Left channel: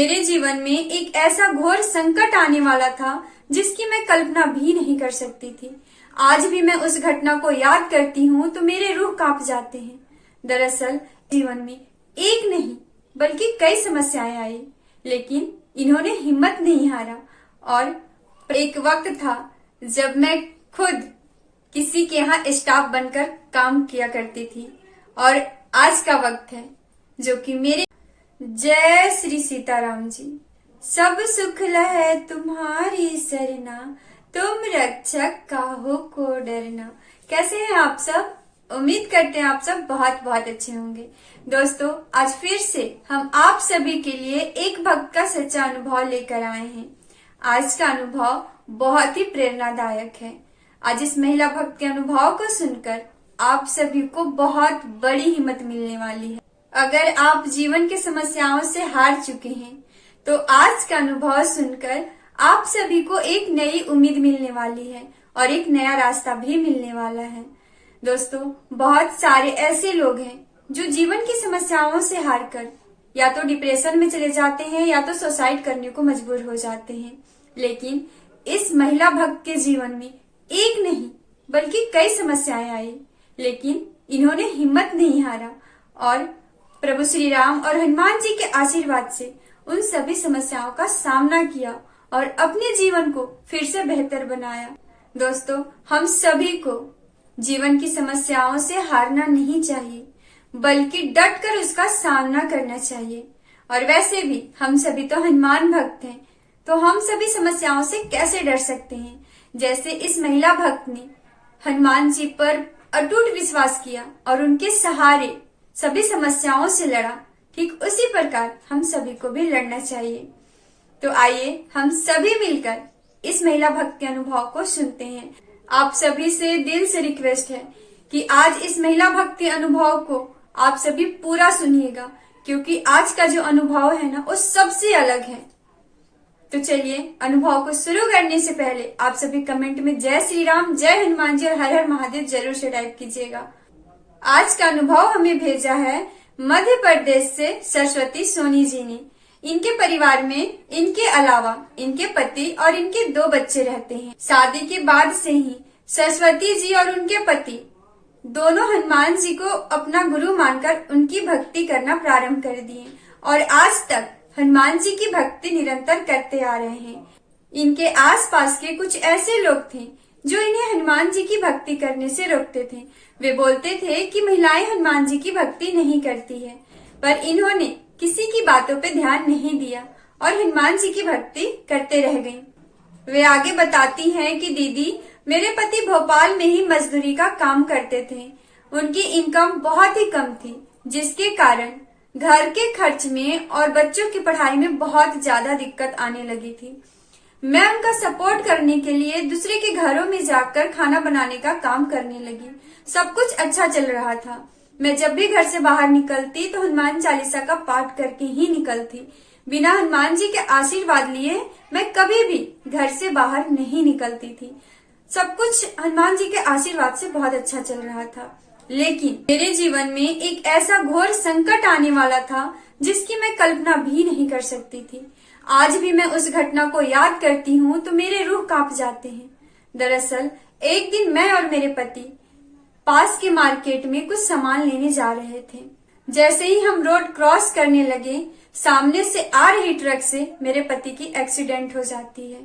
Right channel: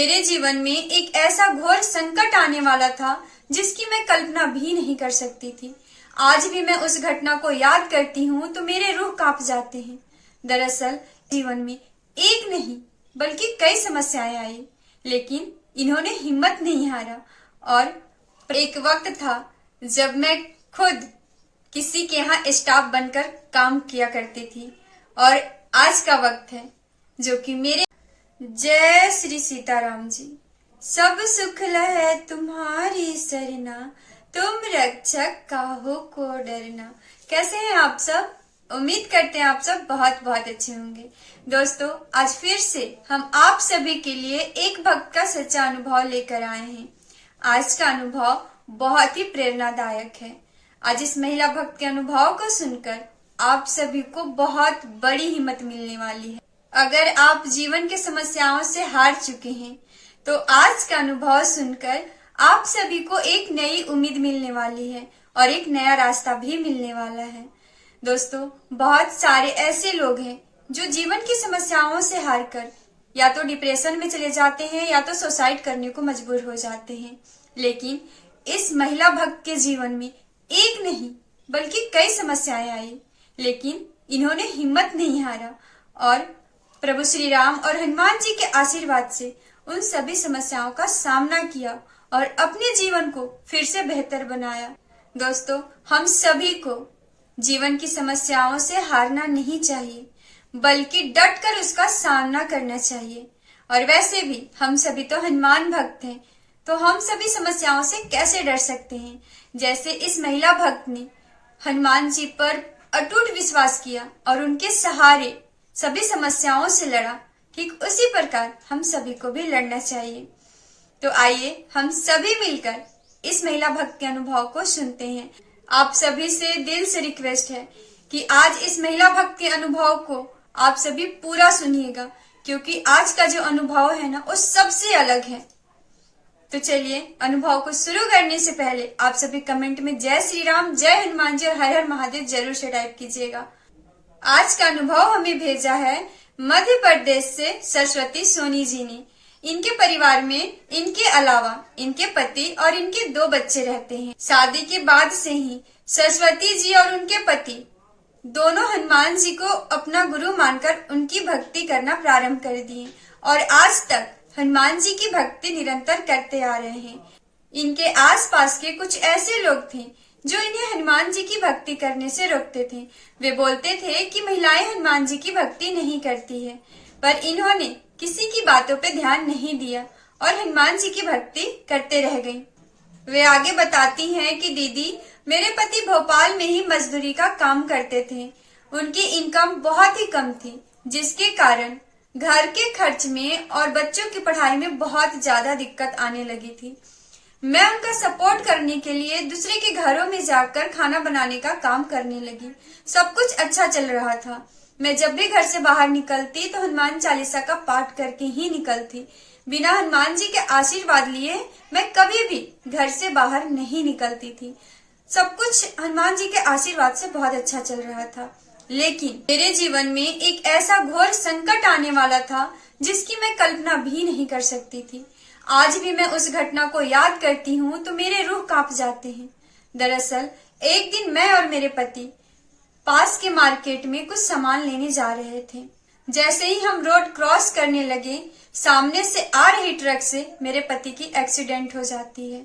मेरे जीवन में एक ऐसा घोर संकट आने वाला था जिसकी मैं कल्पना भी नहीं कर सकती थी। आज भी मैं उस घटना को याद करती हूँ तो मेरे रूह कांप जाते हैं। दरअसल जीवन में एक नहीं बल्कि कई समस्याएं आई, लेकिन इन्होंने हिम्मत नहीं हारा। और एक वक्त था जब मैं खुद किसी के यहाँ स्टाफ बनकर काम किया करती थी, और आज का वक्त है जो कि मेरे जय श्री सीताराम जी। सब सुख लहै तुम्हारी सरना, तुम रक्षक काहू को डरना। कैसे हैं आप सब? उम्मीद करते हैं आप सब बहुत बहुत अच्छे होंगे। दोस्तों, आज फिर से हम आप सभी के लिए एक भक्त का सच्चा अनुभव लेकर आए हैं। आज का अनुभव बहुत ही प्रेरणादायक है। आज इस महिला भक्त के अनुभव को सुनकर आप सभी को बहुत बड़ी हिम्मत मिलने वाली है। अगर आप जीवन के समस्याओं से हार चुके हैं तो आज का अनुभव सुनकर आप सभी को एक नई उम्मीद मिलने वाली है और एक नया रास्ता भी मिलने वाला है। दोस्तों, बहुत सारे ऐसे लोग हैं जो जीवन की समस्याओं से हार कर या तो डिप्रेशन में चले जाते हैं या तो सुसाइड करने को मजबूर हो जाते हैं। लेकिन इस महिला भक्त के जीवन में एक नहीं बल्कि कई समस्याएं आई, लेकिन इन्होंने हिम्मत नहीं हारा और प्रभु श्री राम और हनुमान जी के आशीर्वाद से उन सभी समस्याओं का सामना किया और अपने जीवन को फिर से बेहतर बनाया। दोस्तों, हम सभी को जीवन की समस्याओं से हारना नहीं चाहिए, बल्कि डट कर उसका सामना करना चाहिए। और वैसे भी हम सभी तो हनुमान भक्त हैं, तो हम सभी समस्याओं से कैसे डर सकते हैं। जैसे इस महिला भक्त ने हनुमान जी पर अटूट विश्वास किया और उनके सहारे सभी समस्याओं से लड़ा, ठीक उसी प्रकार हम सभी को भी लड़ना चाहिए। तो आइए हम सभी मिलकर इस महिला भक्त के अनुभव को सुनते हैं। आप सभी से दिल से रिक्वेस्ट है कि आज इस महिला भक्त के अनुभव को आप सभी पूरा सुनिएगा, क्योंकि आज का जो अनुभव है ना वो सबसे अलग है। तो चलिए, अनुभव को शुरू करने से पहले आप सभी कमेंट में जय श्री राम, जय हनुमान जी और हर हर महादेव जरूर से टाइप कीजिएगा। आज का अनुभव हमें भेजा है मध्य प्रदेश से सरस्वती सोनी जी ने। इनके परिवार में इनके अलावा इनके पति और इनके 2 बच्चे रहते हैं। शादी के बाद से ही सरस्वती जी और उनके पति दोनों हनुमान जी को अपना गुरु मानकर उनकी भक्ति करना प्रारंभ कर दिए और आज तक हनुमान जी की भक्ति निरंतर करते आ रहे हैं। इनके आसपास के कुछ ऐसे लोग थे जो इन्हें हनुमान जी की भक्ति करने से रोकते थे। वे बोलते थे कि महिलाएं हनुमान जी की भक्ति नहीं करती है, पर इन्होंने किसी की बातों पे ध्यान नहीं दिया और हनुमान जी की भक्ति करते रह गईं। वे आगे बताती हैं कि दीदी, मेरे पति भोपाल में ही मजदूरी का काम करते थे। उनकी इनकम बहुत ही कम थी, जिसके कारण घर के खर्च में और बच्चों की पढ़ाई में बहुत ज्यादा दिक्कत आने लगी थी। मैं उनका सपोर्ट करने के लिए दूसरे के घरों में जाकर खाना बनाने का काम करने लगी। सब कुछ अच्छा चल रहा था। मैं जब भी घर से बाहर निकलती तो हनुमान चालीसा का पाठ करके ही निकलती। बिना हनुमान जी के आशीर्वाद लिए मैं कभी भी घर से बाहर नहीं निकलती थी। सब कुछ हनुमान जी के आशीर्वाद से बहुत अच्छा चल रहा था। लेकिन मेरे जीवन में एक ऐसा घोर संकट आने वाला था जिसकी मैं कल्पना भी नहीं कर सकती थी। आज भी मैं उस घटना को याद करती हूँ तो मेरे रूह कांप जाते हैं। दरअसल एक दिन मैं और मेरे पति पास के मार्केट में कुछ सामान लेने जा रहे थे। जैसे ही हम रोड क्रॉस करने लगे, सामने से आ रही ट्रक से मेरे पति की एक्सीडेंट हो जाती है।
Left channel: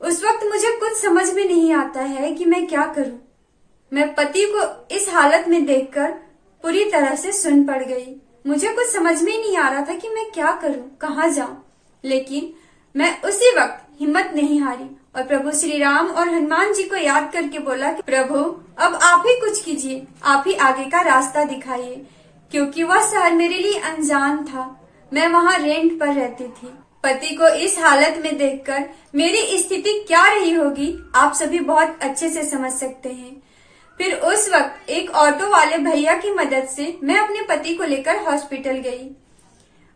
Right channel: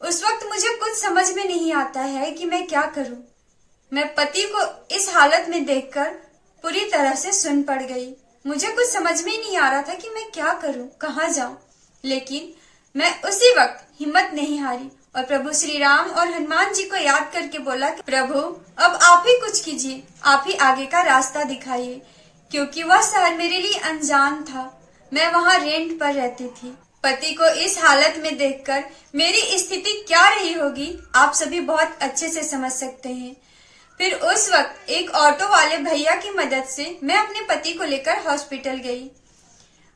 उस वक्त मुझे कुछ समझ में नहीं आता है कि मैं क्या करूं। मैं पति को इस हालत में देखकर पूरी तरह से सुन्न पड़ गई। मुझे कुछ समझ में नहीं आ रहा था कि मैं क्या करूं, कहाँ जाऊं। लेकिन मैं उसी वक्त हिम्मत नहीं हारी और प्रभु श्री राम और हनुमान जी को याद करके बोला कि प्रभु, अब आप ही कुछ कीजिए, आप ही आगे का रास्ता दिखाइए। क्योंकि वह शहर मेरे लिए अनजान था। मैं वहाँ रेंट पर रहती थी। पति को इस हालत में देखकर मेरी स्थिति क्या रही होगी आप सभी बहुत अच्छे से समझ सकते हैं। फिर उस वक्त एक ऑटो वाले भैया की मदद से मैं अपने पति को लेकर हॉस्पिटल गई।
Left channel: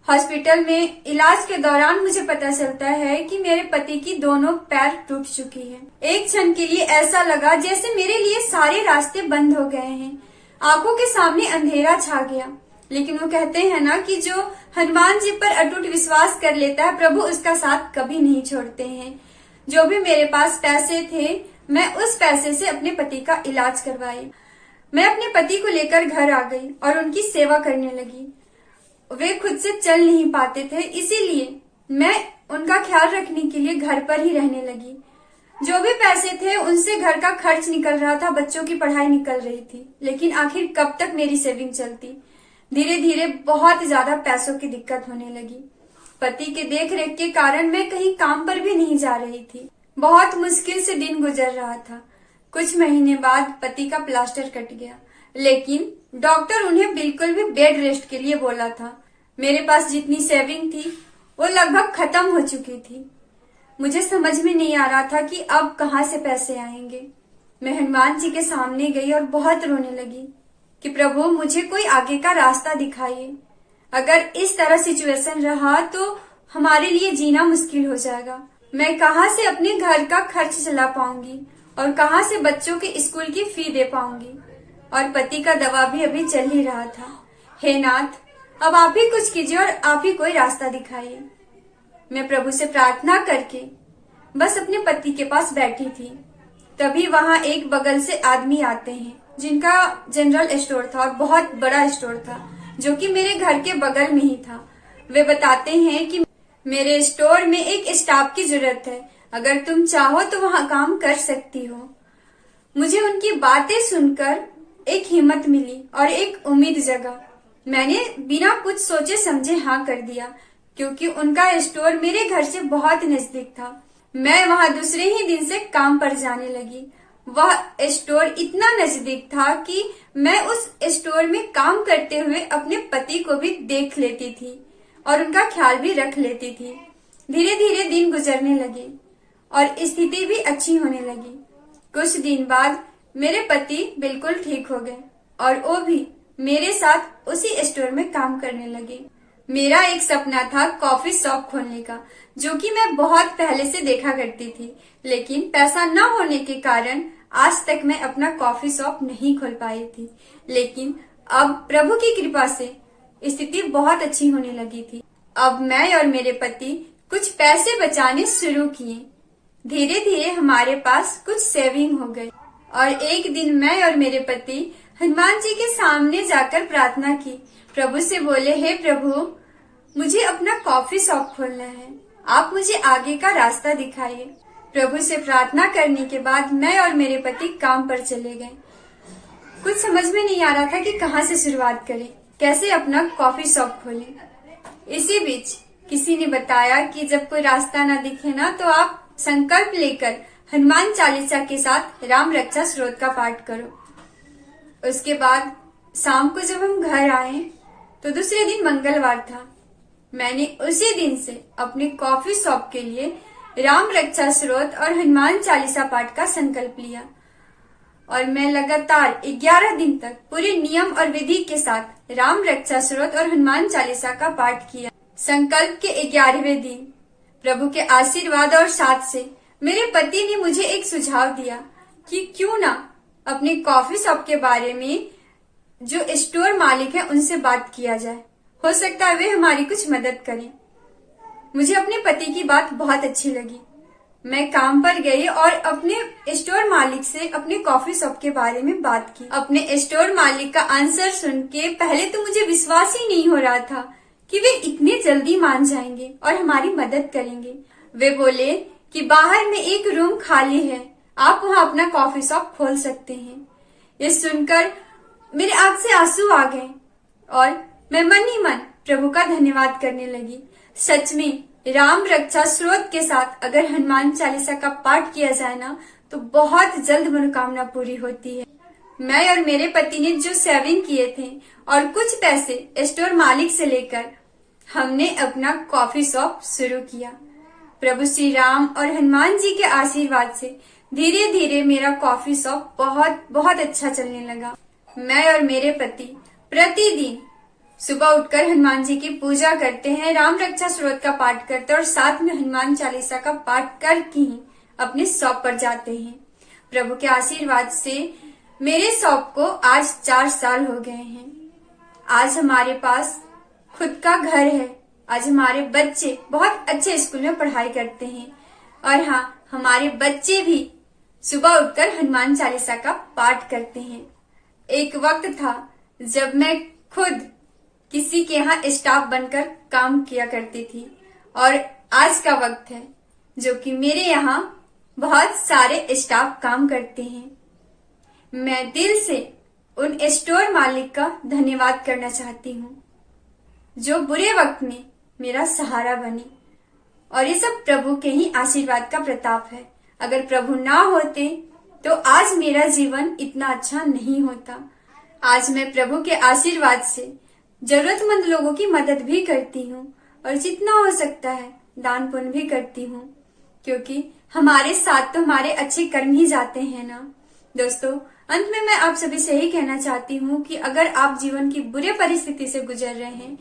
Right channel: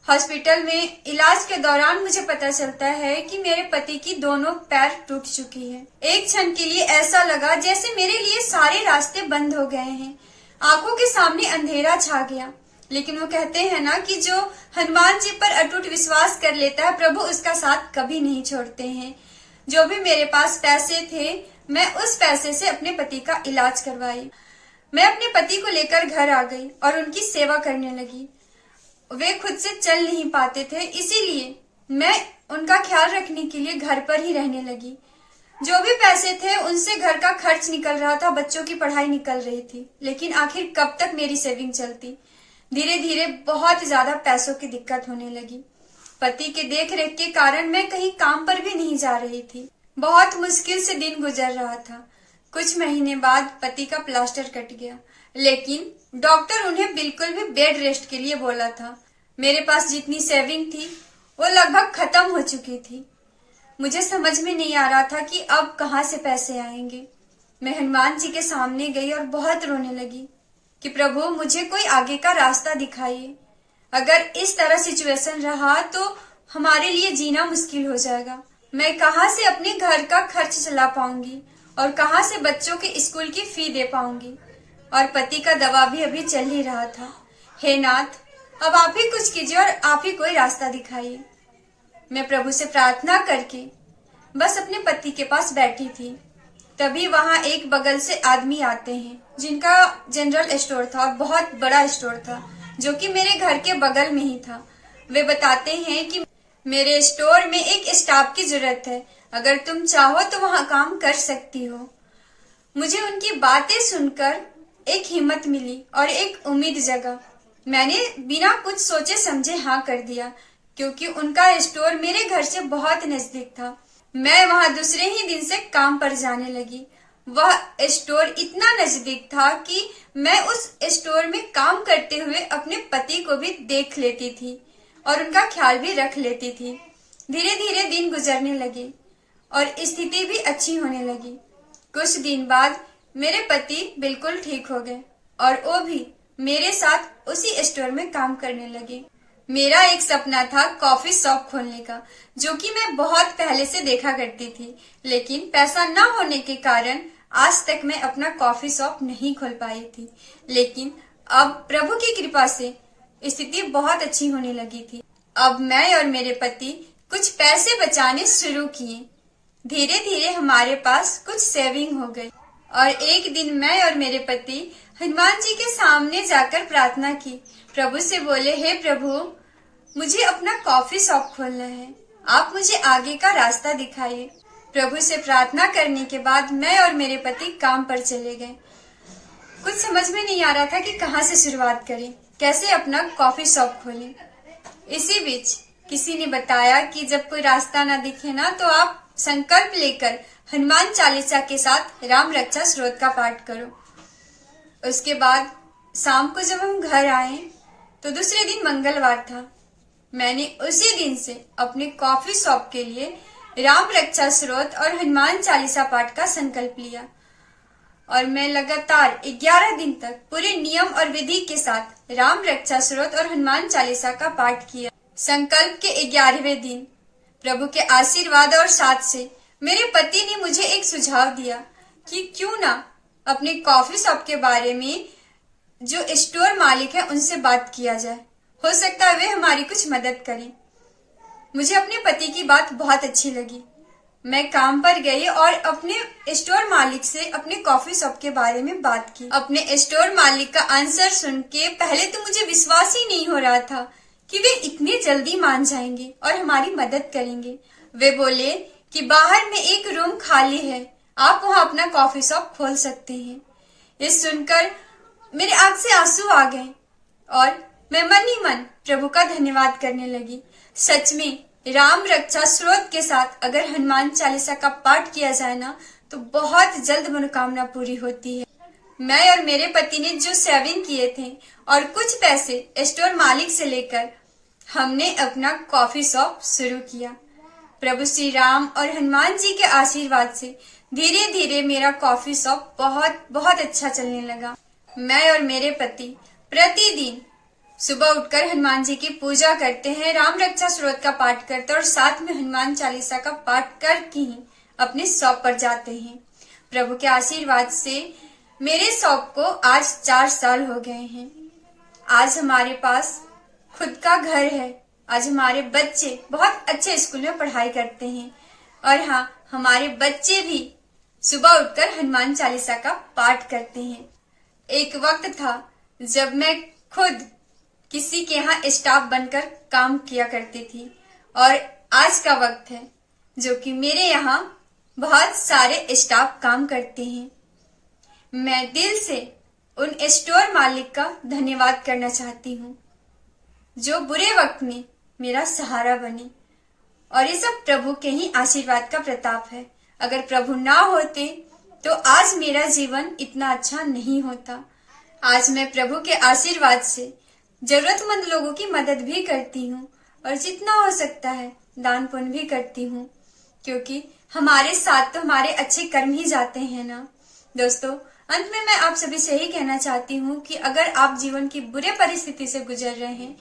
हॉस्पिटल में इलाज के दौरान मुझे पता चलता है कि मेरे पति की दोनों पैर टूट चुकी है। एक क्षण के लिए ऐसा लगा जैसे मेरे लिए सारे रास्ते बंद हो गए हैं। आंखों के सामने अंधेरा छा गया। लेकिन वो कहते हैं ना कि जो हनुमान जी पर अटूट विश्वास कर लेता है, प्रभु उसका साथ कभी नहीं छोड़ते हैं। जो भी मेरे पास पैसे थे, मैं उस पैसे से अपने पति का इलाज करवाई। मैं अपने पति को लेकर घर आ गई और उनकी सेवा करने लगी। वे खुद से चल नहीं पाते थे, इसीलिए मैं उनका ख्याल रखने के लिए घर पर ही रहने लगी। जो भी पैसे थे उनसे घर का खर्च निकल रहा था, बच्चों की पढ़ाई निकल रही थी। लेकिन आखिर कब तक मेरी सेविंग चलती। धीरे धीरे बहुत ज्यादा पैसों की दिक्कत होने लगी। पति के देख रेख के कारण मैं कहीं काम पर भी नहीं जा रही थी। बहुत मुश्किल से दिन गुजर रहा था। कुछ महीने बाद पति का प्लास्टर कट गया, लेकिन डॉक्टर उन्हें बिल्कुल भी बेड रेस्ट के लिए बोला था। मेरे पास जितनी सेविंग थी वो लगभग खत्म हो चुकी थी। मुझे समझ में नहीं आ रहा था कि अब कहाँ से पैसे आएंगे। मैं हनुमान जी के सामने गई और बहुत रोने लगी कि प्रभु मुझे कोई आगे का रास्ता दिखाइए। अगर इस तरह सिचुएशन रहा तो हमारे लिए जीना मुश्किल हो जाएगा। मैं कहाँ से अपने घर का खर्च चला पाऊंगी और कहाँ से बच्चों के स्कूल की फी दे पाऊंगी। और पति का दवा भी अभी चल ही रहा था। हे नाथ, अब आप ही कुछ कीजिए और आप ही कोई रास्ता दिखाइए। मैं प्रभु से प्रार्थना करके बस अपने पति के पास बैठी थी। तभी वहां एक बगल से आदमी आते हैं जिनका जनरल स्टोर था और बहुत बड़ा स्टोर था, जो कि मेरे घर के बगल में ही था। वे बताते हैं कि मेरे स्टोर में एक स्टाफ की जरूरत है, अगर तुम चाहो तो वहां काम कर सकती हो। मुझे उनकी बातें सुनकर एक हिम्मत मिली और एक उम्मीद जगा। मैंने बिना कुछ सोचे समझे हाँ कर दिया, क्योंकि उनका स्टोर मेरे घर से बहुत नजदीक था। मैं वहां दूसरे ही दिन से काम पर जाने लगी। वह स्टोर इतना नजदीक था कि मैं उस स्टोर में काम करते हुए अपने पति को भी देख लेती थी और उनका ख्याल भी रख लेती थी। धीरे धीरे दिन गुजरने लगे और स्थिति भी अच्छी होने लगी। कुछ दिन बाद मेरे पति बिल्कुल ठीक हो गए और वो भी मेरे साथ उसी स्टोर में काम करने लगे। मेरा एक सपना था कॉफी शॉप खोलने का, जो कि मैं बहुत पहले से देखा करती थी, लेकिन पैसा न होने के कारण आज तक मैं अपना कॉफी शॉप नहीं खोल पाई थी। लेकिन अब प्रभु की कृपा से स्थिति बहुत अच्छी होने लगी थी। अब मैं और मेरे पति कुछ पैसे बचाने शुरू किए। धीरे धीरे हमारे पास कुछ सेविंग हो गई और एक दिन मैं और मेरे पति हनुमान जी के सामने जाकर प्रार्थना की। प्रभु से बोले, हे प्रभु, मुझे अपना कॉफी शॉप खोलना है, आप मुझे आगे का रास्ता दिखाइए। प्रभु से प्रार्थना करने के बाद मैं और मेरे पति काम पर चले गए। कुछ समझ में नहीं आ रहा था कि कहाँ से शुरुआत करें, कैसे अपना कॉफी शॉप खोलें। इसी बीच किसी ने बताया कि जब कोई रास्ता ना दिखे ना तो आप संकल्प लेकर हनुमान चालीसा के साथ राम रक्षा स्तोत्र का पाठ करो। उसके बाद शाम को जब हम घर आए तो दूसरे दिन मंगलवार था। मैंने उसी दिन से अपने कॉफी शॉप के लिए राम रक्षा स्तोत्र और हनुमान चालीसा पाठ का संकल्प लिया और मैं लगातार 11 दिन तक पूरे नियम और विधि के साथ राम रक्षा स्तोत्र और हनुमान चालीसा का पाठ किया। संकल्प के 11वें दिन प्रभु के आशीर्वाद और साथ से मेरे पति ने मुझे एक सुझाव दिया कि क्यों ना अपने कॉफी शॉप के बारे में जो स्टोर मालिक है उनसे बात किया जाए, हो सकता है वे हमारी कुछ मदद करें। मुझे अपने पति की बात बहुत अच्छी लगी। मैं काम पर गई और अपने स्टोर मालिक से अपने कॉफी शॉप के बारे में बात की। अपने स्टोर मालिक का आंसर सुन के पहले तो मुझे विश्वास ही नहीं हो रहा था कि वे इतने जल्दी मान जाएंगे और हमारी मदद करेंगे। वे बोले कि बाहर में एक रूम खाली है, आप वहां अपना कॉफी शॉप खोल सकते हैं। ये सुनकर मेरे आंख से आंसू आ गए और मैं मन ही मन प्रभु का धन्यवाद करने लगी। सच में राम रक्षा स्तोत्र के साथ अगर हनुमान चालीसा का पाठ किया जाए ना तो बहुत जल्द मनोकामना पूरी होती है। मैं और मेरे पति ने जो सेविंग किए थे और कुछ पैसे स्टोर मालिक से लेकर हमने अपना कॉफी शॉप शुरू किया। प्रभु श्री राम और हनुमान जी के आशीर्वाद से धीरे धीरे मेरा कॉफी शॉप बहुत बहुत अच्छा चलने लगा। मैं और मेरे पति प्रतिदिन सुबह उठकर हनुमान जी की पूजा करते हैं, राम रक्षा स्तोत्र का पाठ करते हैं और साथ में हनुमान चालीसा का पाठ करके ही अपने शॉप पर जाते हैं। प्रभु के आशीर्वाद से मेरे शॉप को आज 4 साल हो गए हैं आज हमारे पास खुद का घर है। आज हमारे बच्चे बहुत अच्छे स्कूल में पढ़ाई करते हैं। और हाँ, हमारे बच्चे भी सुबह उठकर हनुमान चालीसा का पाठ करते हैं। एक वक्त था जब मैं खुद किसी के यहाँ स्टाफ बनकर काम किया करती थी, और आज का वक्त है जो कि मेरे यहाँ बहुत सारे स्टाफ काम करते हैं। मैं दिल से उन स्टोर मालिक का धन्यवाद करना चाहती हूँ जो बुरे वक्त में मेरा सहारा बने। और ये सब प्रभु के ही आशीर्वाद का प्रताप है। अगर प्रभु ना होते तो आज मेरा जीवन इतना अच्छा नहीं होता। आज मैं प्रभु के आशीर्वाद से जरूरतमंद लोगों की मदद भी करती हूँ और जितना हो सकता है दान पुण्य भी करती हूँ, क्योंकि हमारे साथ तो हमारे अच्छे कर्म ही जाते हैं ना। दोस्तों, अंत में मैं आप सभी से यही कहना चाहती हूँ कि अगर आप जीवन की बुरे परिस्थिति से गुजर रहे हैं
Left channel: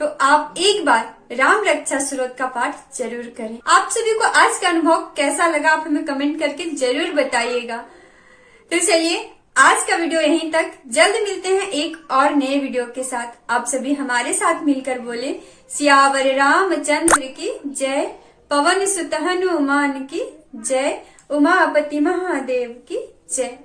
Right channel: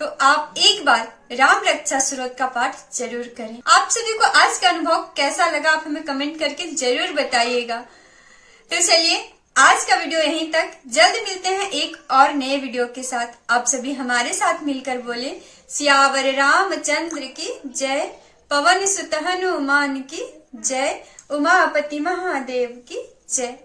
तो आप एक बार राम रक्षा स्तोत्र का पाठ जरूर करें। आप सभी को आज का अनुभव कैसा लगा आप हमें कमेंट करके जरूर बताइएगा। तो चलिए, आज का वीडियो यहीं तक। जल्द मिलते हैं एक और नए वीडियो के साथ। आप सभी हमारे साथ मिलकर बोले सियावर रामचंद्र की जय, पवन सुत हनुमान की जय, उमापति महादेव की जय।